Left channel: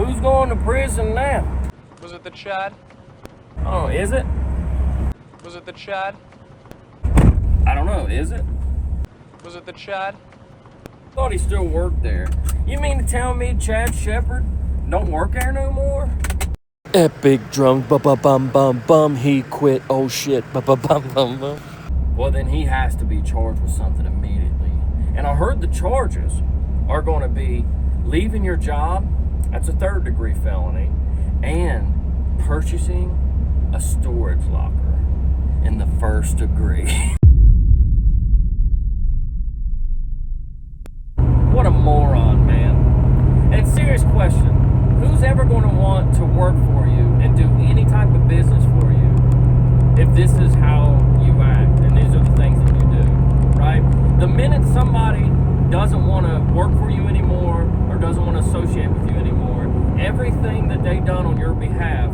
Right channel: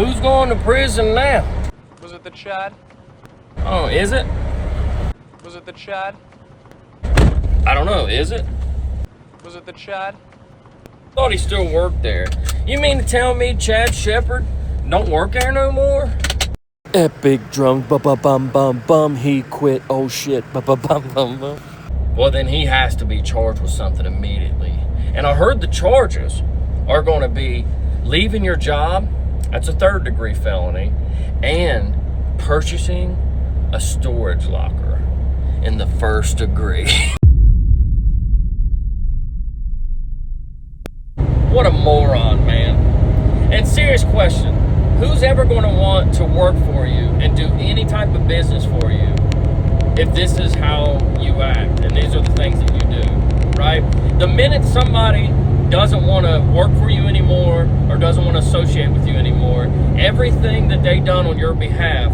Who's going to prison now? Was it the Chad? Oh, is it? Was it the Chad? I don't know, is it? Was it the Chad? Thought he still worked there. You mean to tell me Chad Shepard don't work there no more? Epic drunk, bum, he quit, oh shit, bum. Well, then he has to be charged with something immediately. And I heard the charges are going to be leaving your job, that's a 3rd-degree felony, and purchasing a storage locker in the 1st degree. What a moron, man. And serious question, who's ever going to want to work for you and do any type of business for you if this is how you act and these are the things that you do, right? The minute somebody doesn't want to work for you anymore or doesn't want to associate with you anymore, everything that they done on your behalf,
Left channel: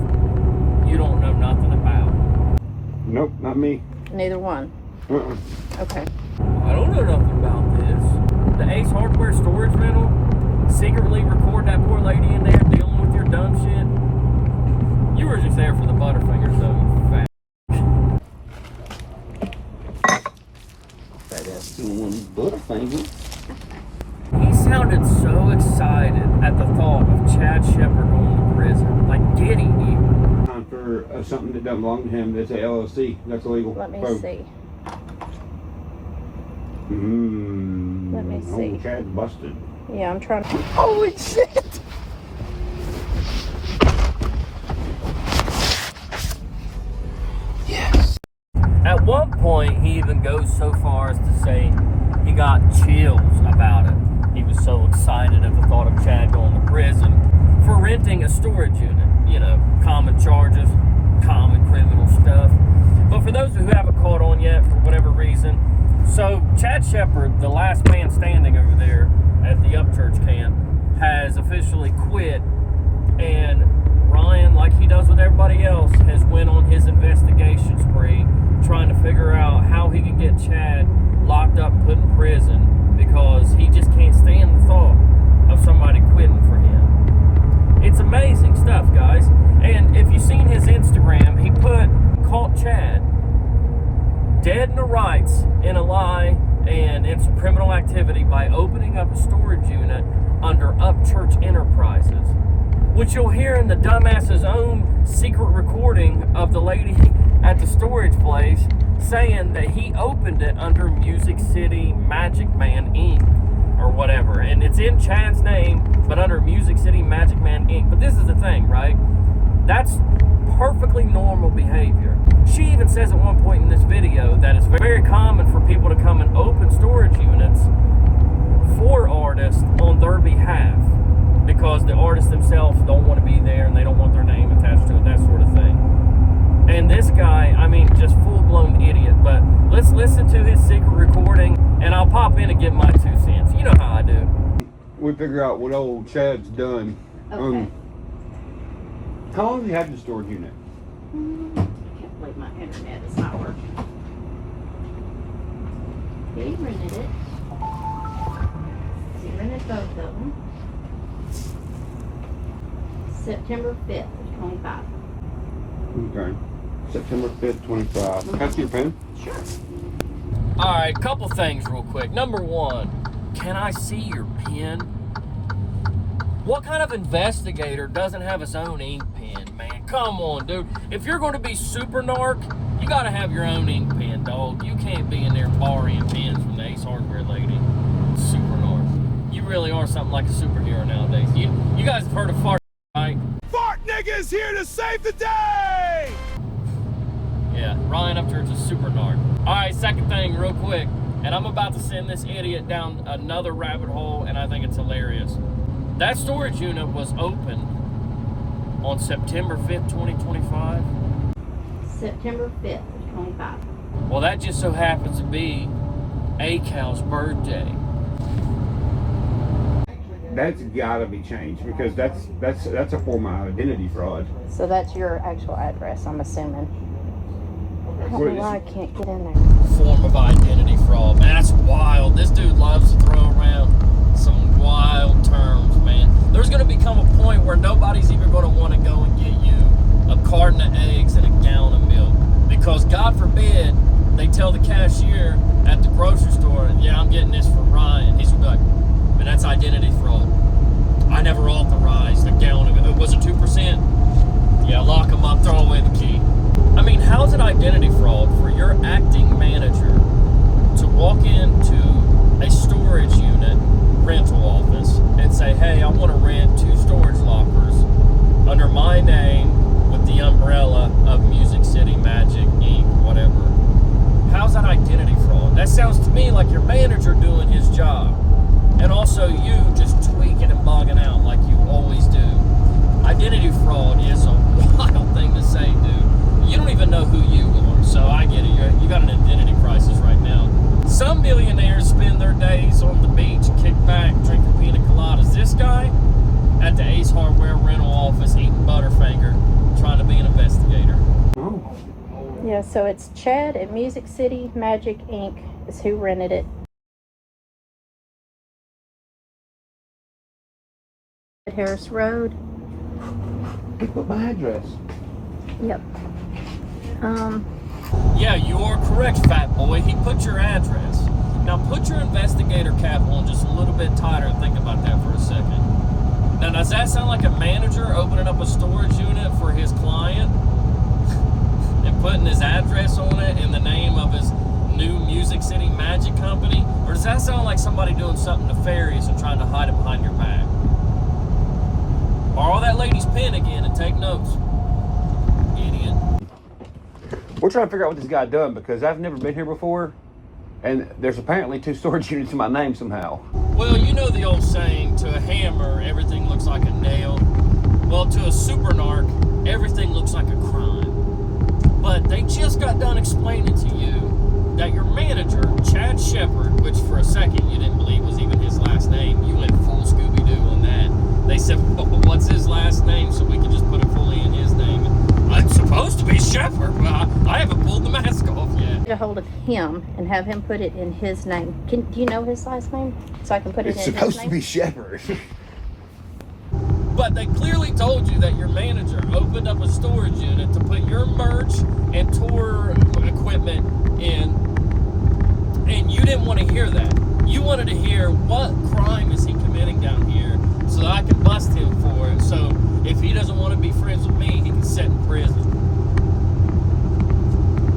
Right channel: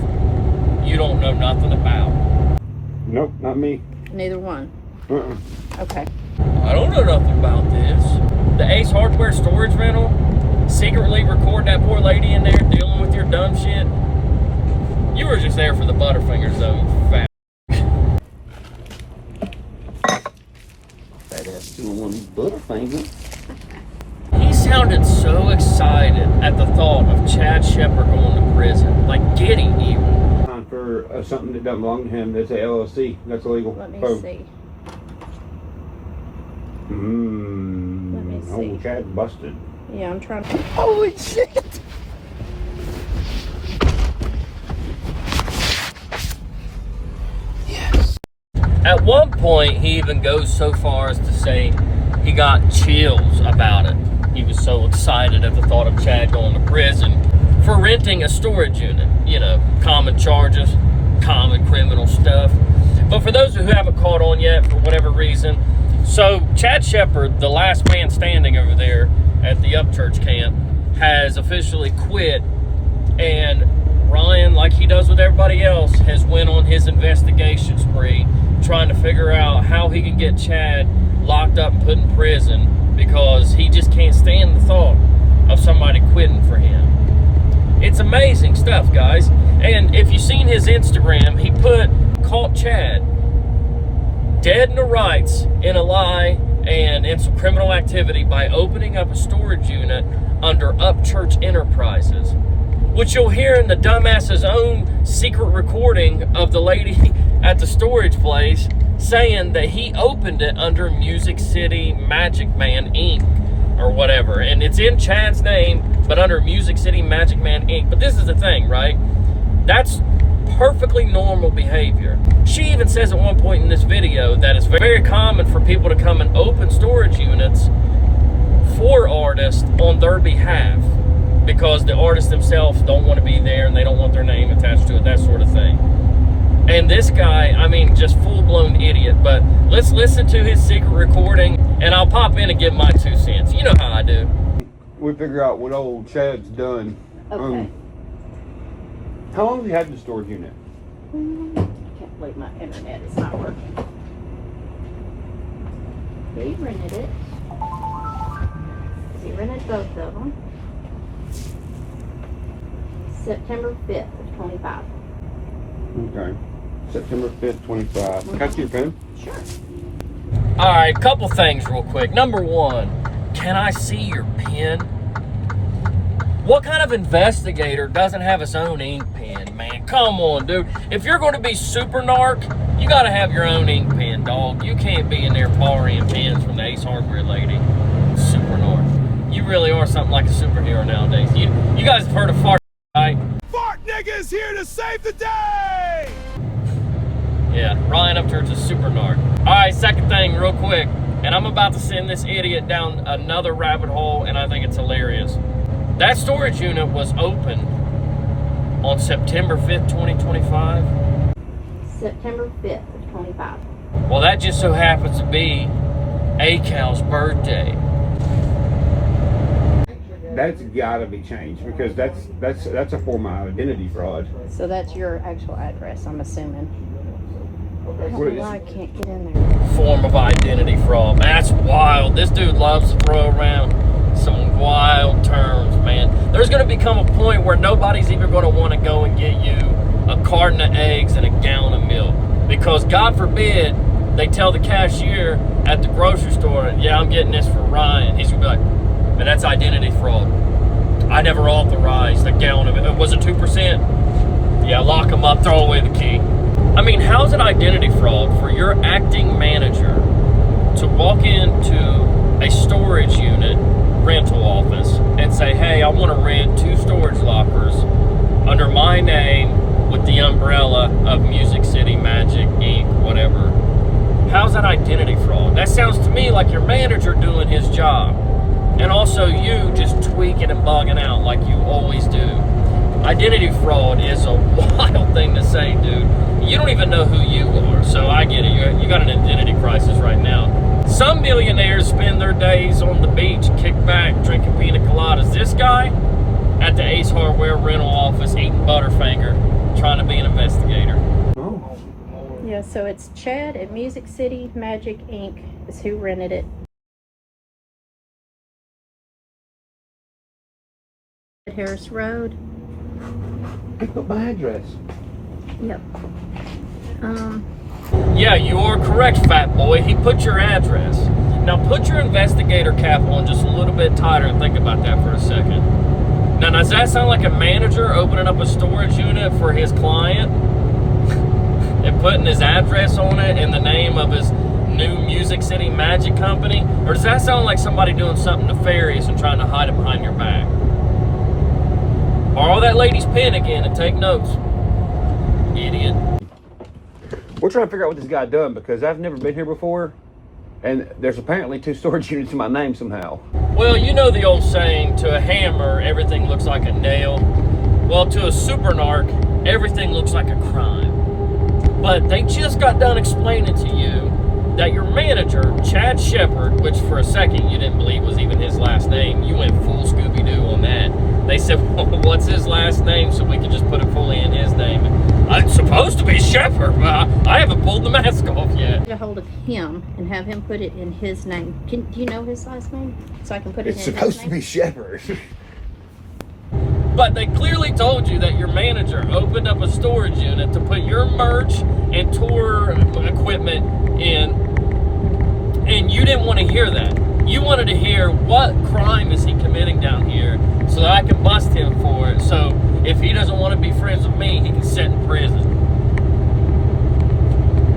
you don't know nothing about. Nope, not me. Neither one. Okay. I don't know nothing about this. The Ace Hardware storage rental, secretly recording that poor lady in there dealing with your dumb shit. You were just there for the Butterfingers though, you fat. That ass doing one Butterfinger. He sounded so excited at the thought of Chad Shepard going to prison. Like giddy even. Time for something that doesn't belong to him. That's a LLC. That's illegal. Let me see. Let me see. Oh, Chad busted. Yeah, I'm trying to. Holy shit! Yes. At one point, he even goes so far as to say he got chills about it. He was so excited at the thought of Chad going to prison for renting a storage unit. You know, common charges, common criminal stuff. But for those who haven't caught on yet, for whatever reason, so Chad Shepard, the last man standing over there at the Upchurch camp, has officially quit, and Ryan, like he does with everybody else, has went on his investigation spree trying to figure out how he can get Chad locked up and put in prison because he just can't stand the thought of somebody quitting for him. It's amazing stuff, guys. And if you've seen his Instagram, he caught Chad dead in the rights in a lie and in some criminal activity by opening up a storage unit under Upchurch Enterprises, which you'll hear in the dumbass's own secret recording of the lady at the storage place saying that he opened it under Music City Magic Man Inc. or whatever. And it's in Chad's name, but under Music City Magic Man Inc. But this is the thing, right? That's perfectly normal behavior. She even says at one point in this video that it's very common for people to come and open storage units for artists on their behalf because the artists themselves don't want to be there and they don't want their name attached to it, that sort of thing. And this guy, I mean, just full-blown idiot. But let's listen to his secret recording and I'll pop in and give my 2 cents. You know how I do. We figure out what old Chad's done. Okay. How long have you had the storage unit? I can't believe my internet is not working. He rented it. He rented both of them. September 5th, 25. Okay. September 5th, 25. Can I see your pen? Sure. All right, couple things real quick. Number one, can I see your pen? What kind of investigator doesn't have his own ink pen, man? Come on, dude. If you're going to be super narc, you got to have your own ink pen, dog. You can't be in there borrowing pens from the Ace Hardware lady. Super narc. You really are something like a superhero nowadays. You guys have heard of fart, right? Fart nigga is here to save the day! Yeah, Ryan Upchurch is super narc. All right, second thing real quick. And I'm about to send this idiot down another rabbit hole, and I think it's hilarious. That storage unit was opened on September 5th, 2025. September 5th, 25. Well, that just so happens to be A-Cal's birthday. That's gotta be changed because that's a form of identity fraud. So that's your actual address, I'm assuming. I don't know why I can't get in there. Form of identity fraud. That's wild. This dude loves to throw around some wild terms, man. There's going to become a point where nobody nobody's even going to want to go and get you a carton of eggs and a gallon of milk. Because God forbid they tell the cashier at the grocery store, yeah, I'm getting this for Ryan. He's going to be like, man, that's identity fraud. I never authorized a gallon of it. Was it 2%? Yeah, lock them up, throw away the key. I mean, how's it identity fraud for your acting manager to walk into a storage unit rental office and say, hey, I want to rent 2 storage lockers under my name with the umbrella of Music City Magic Inc., whatever? How's that identity fraud? That sounds to me like your manager doing his job. And also you just tweaking and bugging out like you always do. Identity fraud is a wild thing to say, dude. You don't even know who you are, so I get it. You got an identity crisis right now. Some millionaires spend their days on the beach, kick back, drinking pina coladas. This guy at the Ace Hardware rental office eating Butterfinger, trying to be an investigator. Oh. Yeah, so it's Chad at Music City Magic Inc. is who rented it. At Harris Road. He put my address. Yep. Yeah, you are correct, fat boy. He put your address. Now put your investigator cap on just a little bit tighter and think about that for a second. Now, does that sound like a manager opening up a storage unit for his client and putting his address on it in the name of his new Music City Magic Company? Or does that sound like somebody doing something nefarious and trying to hide it behind your back? Borrow that lady's pen again and take notes, idiot. We're trying to figure out what this guy done because I've never been here before, and there's apparently 2 storage units in my name somehow. Well, you know the old saying, to a hammer, everything looks like a nail. Well, to a super narc, everything looks like a crime. But they just got done explaining to you that your manager, Chad Shepard, which for a second you didn't believe was even his last name, you went full Scooby-Doo on that. They said, well, what's his last name so we can just put it fully in his name? It's supposed to be Shepard, but I haven't pulled the mask off yet. Get a hold of him and have him put it in his name. Do you know his last name? So I can put it It's in his name? supposed to be Shepard. But they clearly told you that your manager opened up a storage unit to put your merch and tour equipment in, and you didn't want to hear that. You wanted to hear what crime is he committing down here so that I can bust him for it. So if he doesn't want to be friends with me, he can sit in prison.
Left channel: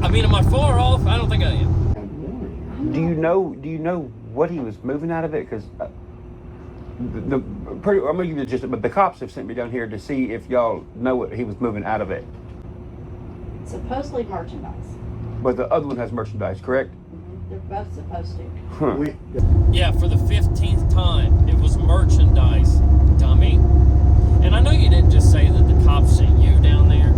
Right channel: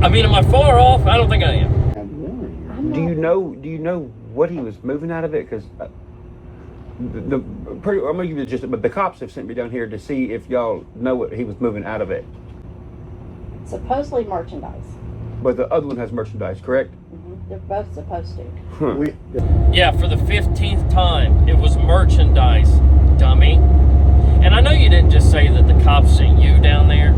I mean, am I far off? I don't think I am. Do you know what he was moving out of it? Because I'm gonna give you the gist, but the cops have sent me down here to see if y'all know what he was moving out of it. Supposedly merchandise. But the other one has merchandise, correct? They're both supposed to. Huh. Yeah, for the 15th time, it was merchandise, dummy. And I know you didn't just say that the cops sent you down there.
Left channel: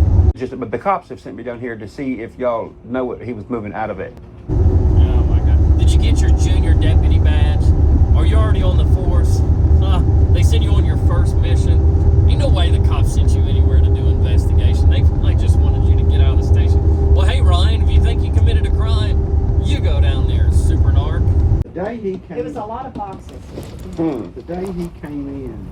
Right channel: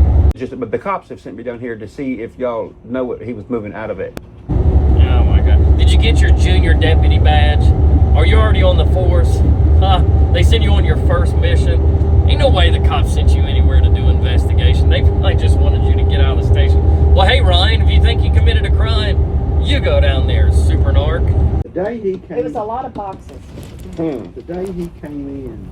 But the cops have sent me down here to see if y'all know what he was moving out of it. Oh my God. Did you get your junior deputy badge? Are you already on the force? They send you on your first mission. Ain't no way the cops sent you anywhere to do investigation. They probably just wanted you to get out of the station. Well, hey, Ryan, if you think you committed a crime, you go down there, super narc. The day he came, It was a lot of boxes. the day he came in,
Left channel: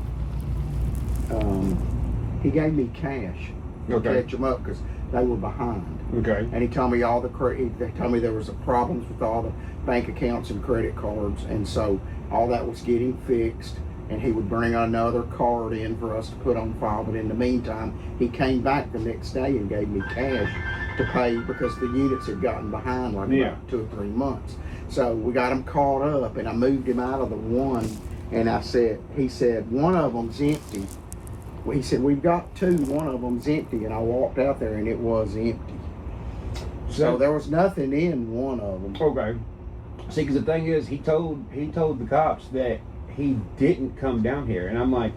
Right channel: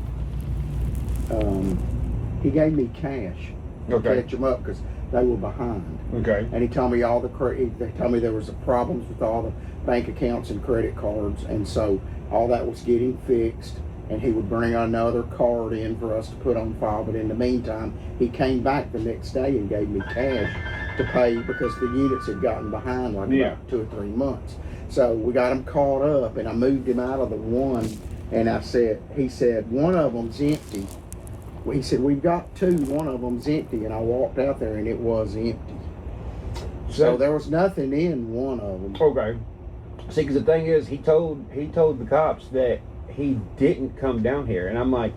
he gave me cash to Okay. catch them up because they were behind. Okay. And he told me they told me there was problems with all the bank accounts and credit cards, and so all that was getting fixed. And he would bring another card in for us to put on file. But in the meantime, he came back the next day and gave me cash to pay because the units had gotten behind like about 2 or 3 months. So we got him caught up, and I moved him out of the one. And he said, one of them's empty. Well, he said, we've got 2, one of them's empty. And I walked out there and it was empty. So there was nothing in one of them. Okay. See, because the thing is, he told the cops that he didn't come down here, and I'm like,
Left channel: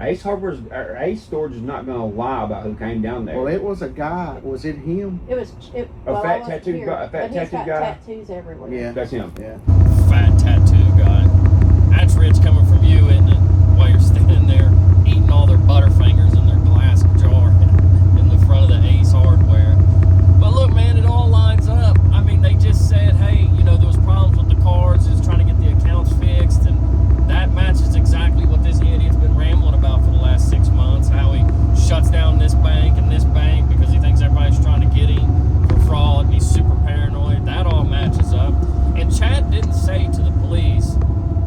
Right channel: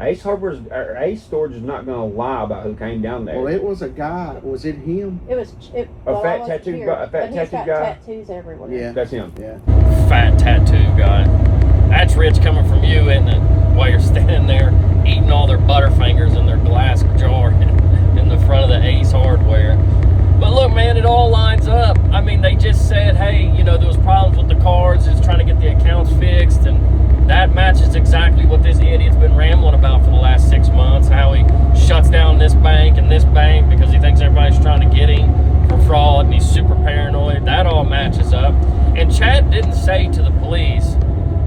Ace Storage is not going to lie about who came down there. Well, it was a guy. Was it him? A fat tattooed guy. Tattoos everywhere. Yeah, That's him. Yeah. Fat tattoo guy. That's rich coming from you, isn't it? While you're standing there eating all their Butterfingers in their glass jar in the front of the Ace Hardware. But look, man, it all lines up. I mean, they just said, hey, there was problems with the cards. It's trying to get the accounts fixed, and That matches exactly what this idiot's been rambling about for the last 6 months, how he shuts down this bank and this bank because he thinks everybody's trying to get him for fraud and he's super paranoid. That all matches up. And Chad didn't say to the police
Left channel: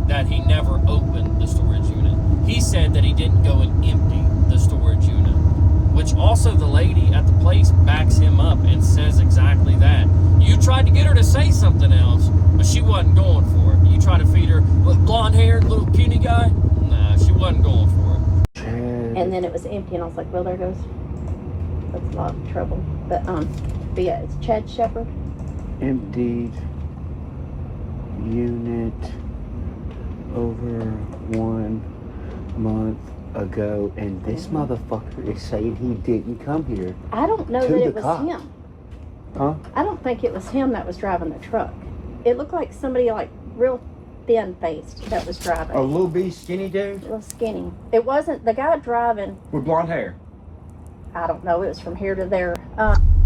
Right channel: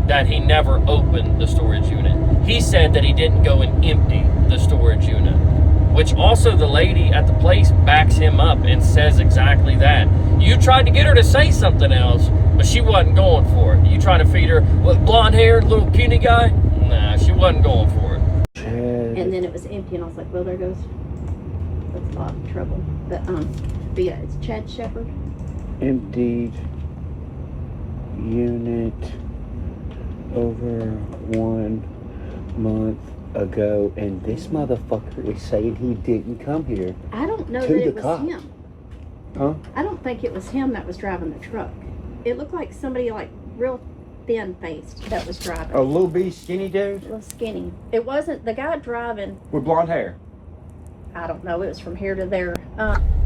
that he never opened the storage unit. He said that he didn't go and empty the storage unit, which also the lady at the place backs him up and says exactly that. You tried to get her to say something else, but she wasn't going for it. You tried to feed her with blonde hair, little puny guy? Nah, she wasn't going for it. And then it was empty, and I was like, well, there goes, that's a lot of trouble. But yeah, it's Chad Shepard. Emptied unit over 1 month ago, and this motherfucker is saying he didn't come here. I don't know To that the it was cops. him. Huh? I don't think it was him that was driving the truck. It looked like somebody like real thin-faced that was driving. A little bitty skinny dude A little skinny. It wasn't the guy driving. with blonde hair. I don't know. It was from here to there.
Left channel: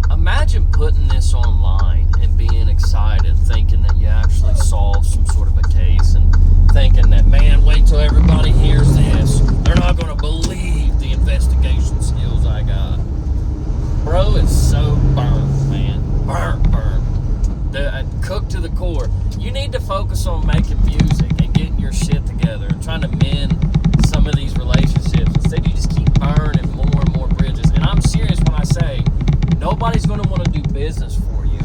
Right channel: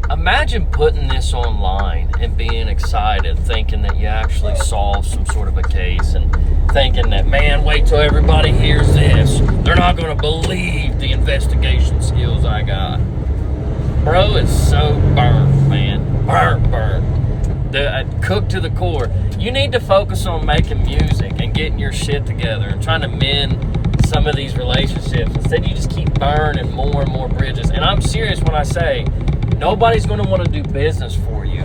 Imagine putting this online and being excited, thinking that you actually solved some sort of a case and thinking that, man, wait till everybody hears this. They're not going to believe the investigation skills I got. Bro, it's so burnt, man. Burnt. Cooked to the core. You need to focus on making music and getting your shit together and trying to mend some of these relationships. Instead, you just keep burning more and more bridges. And I'm serious when I say nobody's going to want to do business for you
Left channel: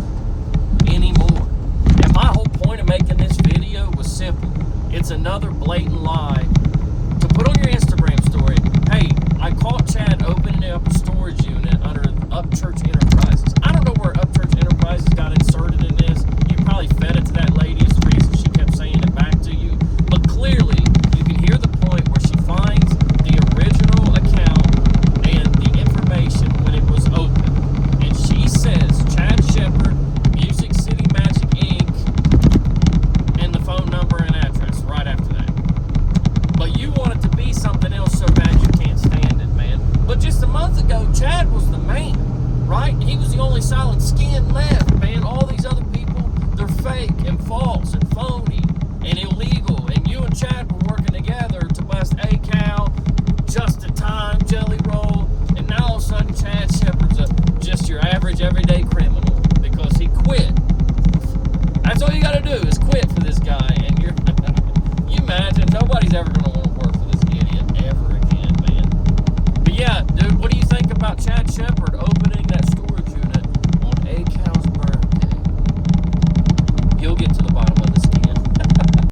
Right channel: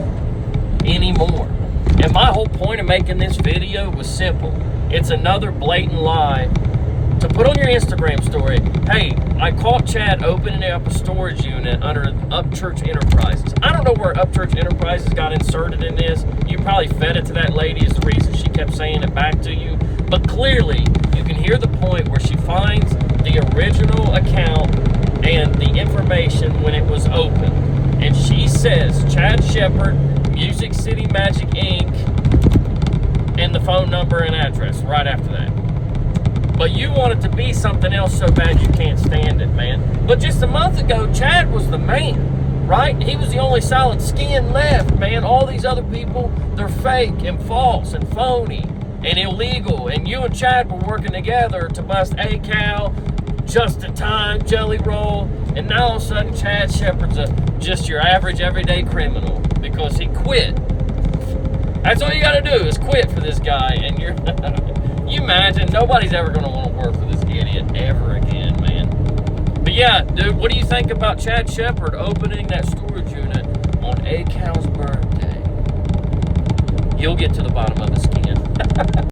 anymore. And my whole point of making this video was simple. It's another blatant lie to put on your Instagram story. Hey, I caught Chad opening up a storage unit under Upchurch Enterprises. I don't know where Upchurch Enterprises got inserted in this. You probably fed it to that lady is the reason she kept saying it back to you. But clearly, you can hear the point where she finds the original account and the information when it was open. And she says, Chad Shepard, Music City Magic Inc., and the phone number and address right after that. But you want it to be something else so bad you can't stand it, man. But just a month ago, Chad was the man, right? He was the only solid skin left, man. All these other people, they're fake and false and phony and illegal. And you and Chad were working together to bust A-Cal, Just in Time, Jelly Roll. And now all of a sudden, Chad Shepard's just your average everyday criminal because he quit. That's all you got to do is quit for this guy, and you're... You imagine, nobody's ever going to want to work for this idiot ever again, man. But yeah, dude, what do you think about Chad Shepard opening that storage unit on A-Cal's birthday? You'll get to the bottom of the skin.